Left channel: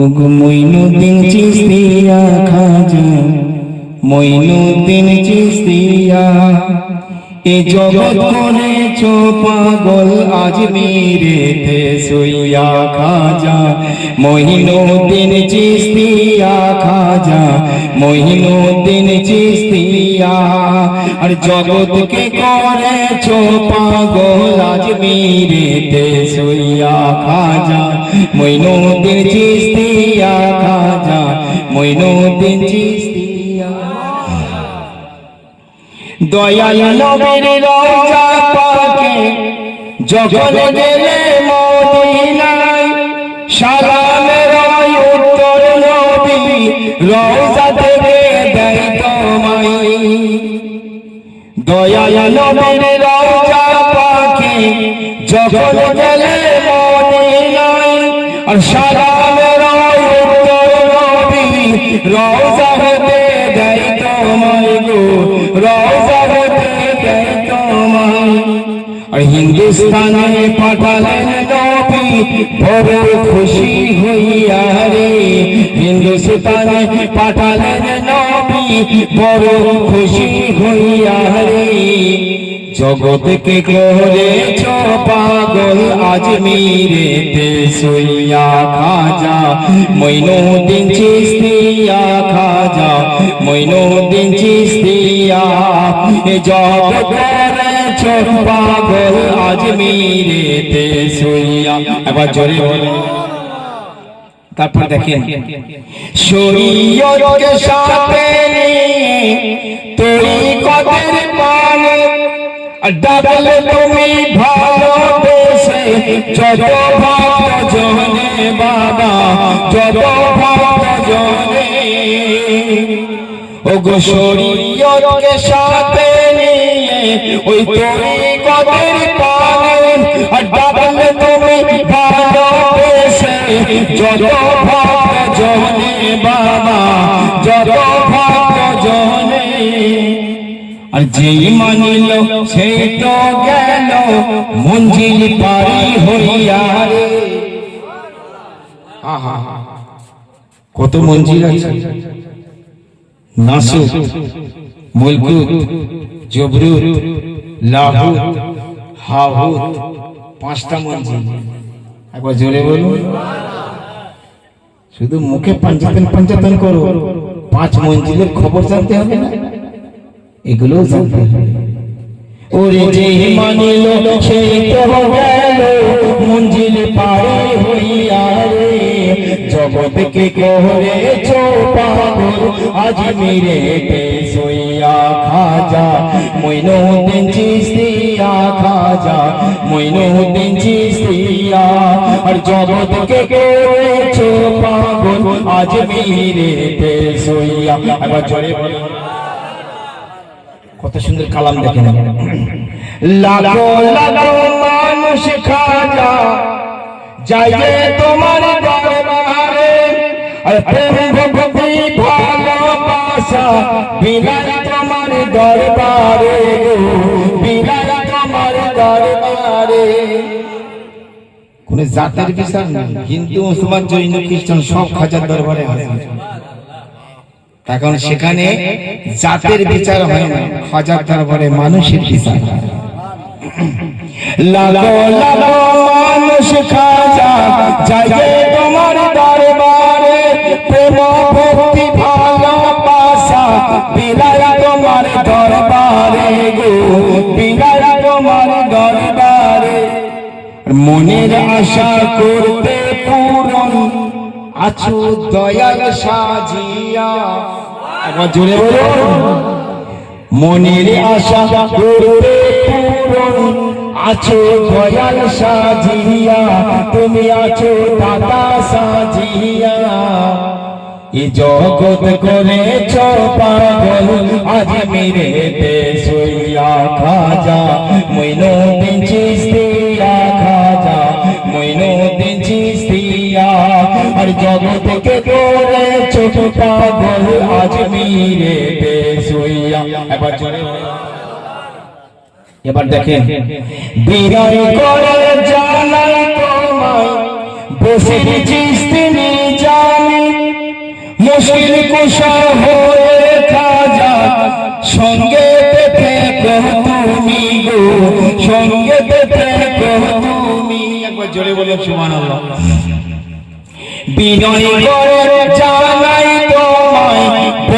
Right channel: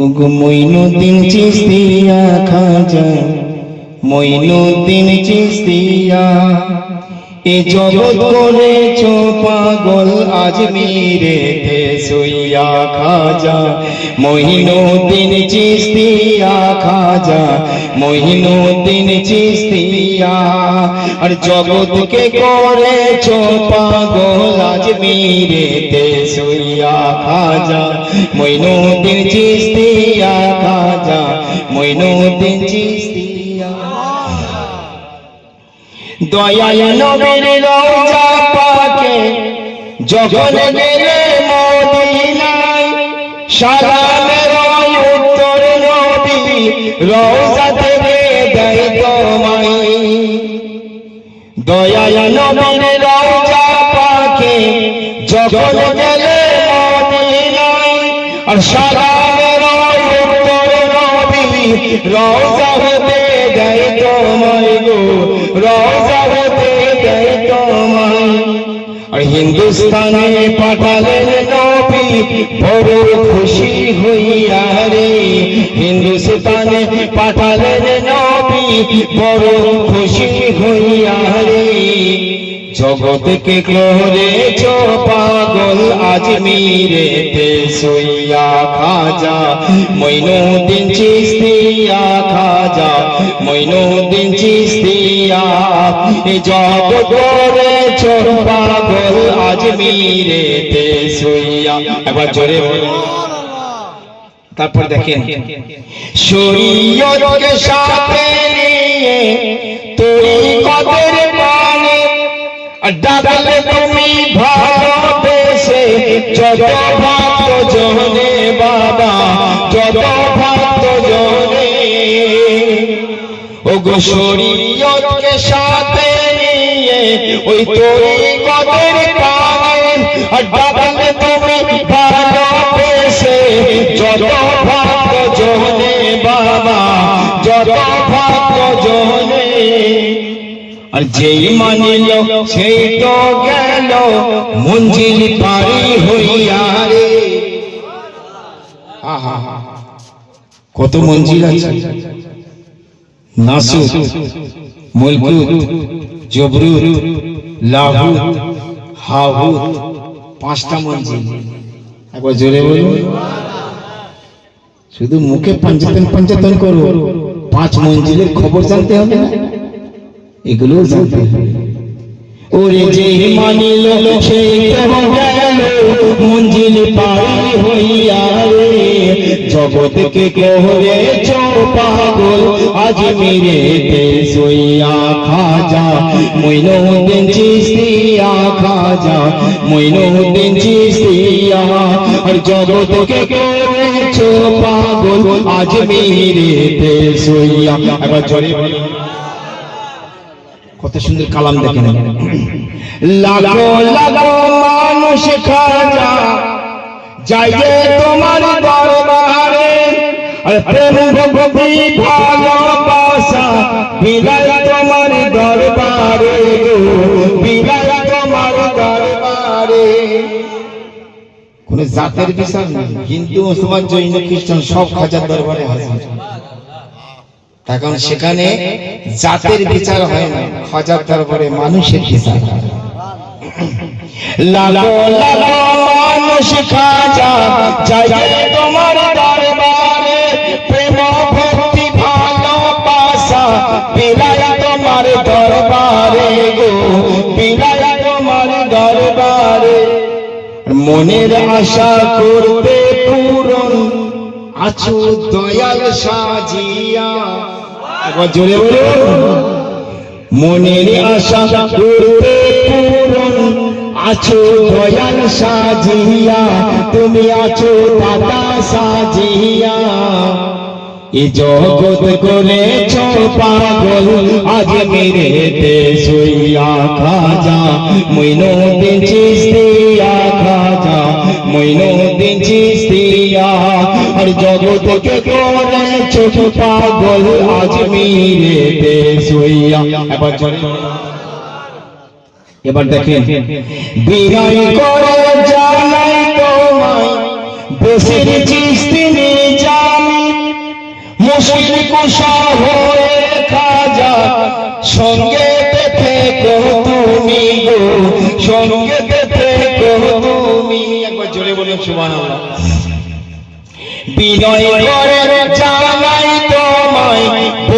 ওগো মইনুদ্দিন চিস্তিয়া খাজা মইনুদ্দিন চিস্তিয়া এ জগৎ করেছ পাগল আজমিরেতে। সইয়া খাজা, মহিনুদ্দিন চিস্তিয়া খাজা, মহিনুদ্দিন চিস্তিয়া। আর জগৎকে করেছ পাগল আজমিরেতে সইয়া খাজা মইনুদ্দিন চিস্তিয়া খাজা মইনুদ্দিন চিস্তিয়া। দয়াল নবীর রাজা পাকে, যখন গেলে সালামের উত্তর নবী রওজা থেকে দেয় তোমায়। দয়াল নবীর রাজা পাকে যখন গেলে মদিনায়, আর সালামের উত্তর নবী রওজা হতে দেয় রওজা হিন্দুস্তানে পাঠালেন বড় খুশি হইয়া রে। হিন্দুস্তানে পাঠালেন নবী বড় খুশি হইয়া রে। জগৎকে করেছ পাগল আজমিরেতে সইয়া খাজা, মইনুদ্দিন চিস্তিয়া খাজা, মইনুদ্দিন চিস্তিয়া জগৎ করেছ পাগল আজমিরেতে সইয়া এবার জোরে তারপর দেখেন, শরীয়তকে সাথে নিয়ে তরিকতের ডাবলে তুমি ভালোবেসে যত ভক্ত জনে বাবা যত ভক্ত জনে ও গো শরীয়তকে সাথে নিয়ে, ওই তরিকতের পানে ডাবলে তুমি ভালোবেসে যত ভক্ত জনে বাবা যত যেই মানিল, সেই তো গেল মঞ্জিল পারি হইয়া রে। কত মঞ্জিল আছে। নাসুক, মুলকুত, জবরুত লাহুত হাহুত পাঁচটা মঞ্জিল। একবার জোরে বলুন। শুধু মুখে পঞ্চাতন পঞ্চাতন করো, পাঁচ মঞ্জিলের খবর জানতে হবে না। এগুলো জগৎকে পাগল আজ মেরে সইয়া খাজা। মইনুদ্দিন চিস্তিয়া খাজা চিস্তিয়া আর জগৎকে আজ মেরে এবার জোরে বলো। কত সুন্দর কালাম দেখেন। লাখো লাখো মানুষ খাজা যাইয়ে তোমার দরবারে। আর প্রেম ভক্তি ভালোবাসা তোমার দরবারে তোমার দরবারে। কোন জাতের বিচার নেই হিন্দু, মুসলমান, জৈন, খ্রিস্টান সব খাজার দরবারে হাজির। এখন সেখানে জাতের বিচার হয় না হাজার দরবারে মানুষের বিচার হয়। লাগো লাগো মানুষ খাজা যাই তোমার দরবারে প্রেম ভক্তি ভালোবাসা বিলায় তোমার দরবারে গো বিলায় তোমার দরবারে। মনের আশা করতে পূরণ আছো দয়াল সাজিয়া। একবার জোরে বলো। মনের আশা করতে পূরণ আছো, দয়াল সাজিয়া, তুমি আছো দাদা সাজিয়া। এ জগৎ করেছ পাগল, আজ মেরে দেশইয়া খাজা। মইনুদ্দিন চিস্তিয়া খাজা মইনুদ্দিন চিস্তিয়া আর জগৎকে করেছ পাগল আজ মেরে দেশইয়া এবার চলে। এবার দেখেন বিনয় করে জানাই তোমায় যা মুশকিল কুশার হয়ে খাজা, সঙ্গে থেকো তুমি গো, সঙ্গে থেকো তুমি। একবার জোরে সুবহানাল্লাহ। বিনয়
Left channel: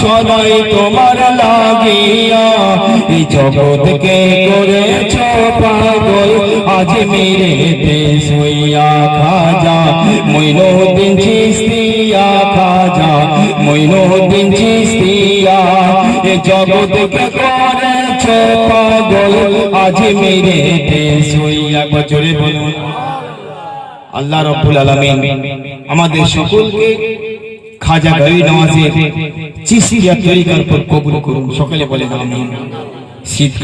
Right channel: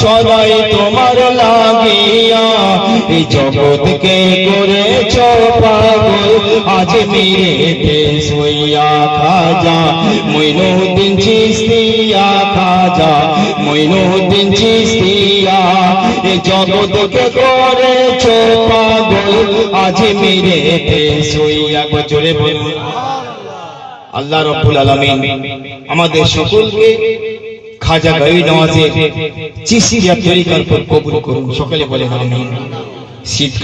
সদাই তোমার লাগিয়া, এই জগৎকে করেছ পাগল। আজ মেরে দেশ হইয়া খাজা, মইনুদ্দিন চিস্তিয়া খাজা, মইনুদ্দিন চিস্তিয়া। এ জগৎকে করেছ পাগল, আজ মেরে দেশ হইয়া। বছরে বলুন। আল্লাহ রব্বুল আলামিন আমাদের সকলকে খাজা গাই নওয়াজের চিস্তিয়া তরিকার উপর কবুল করুন। সকলে বলে আমিন শীতকাল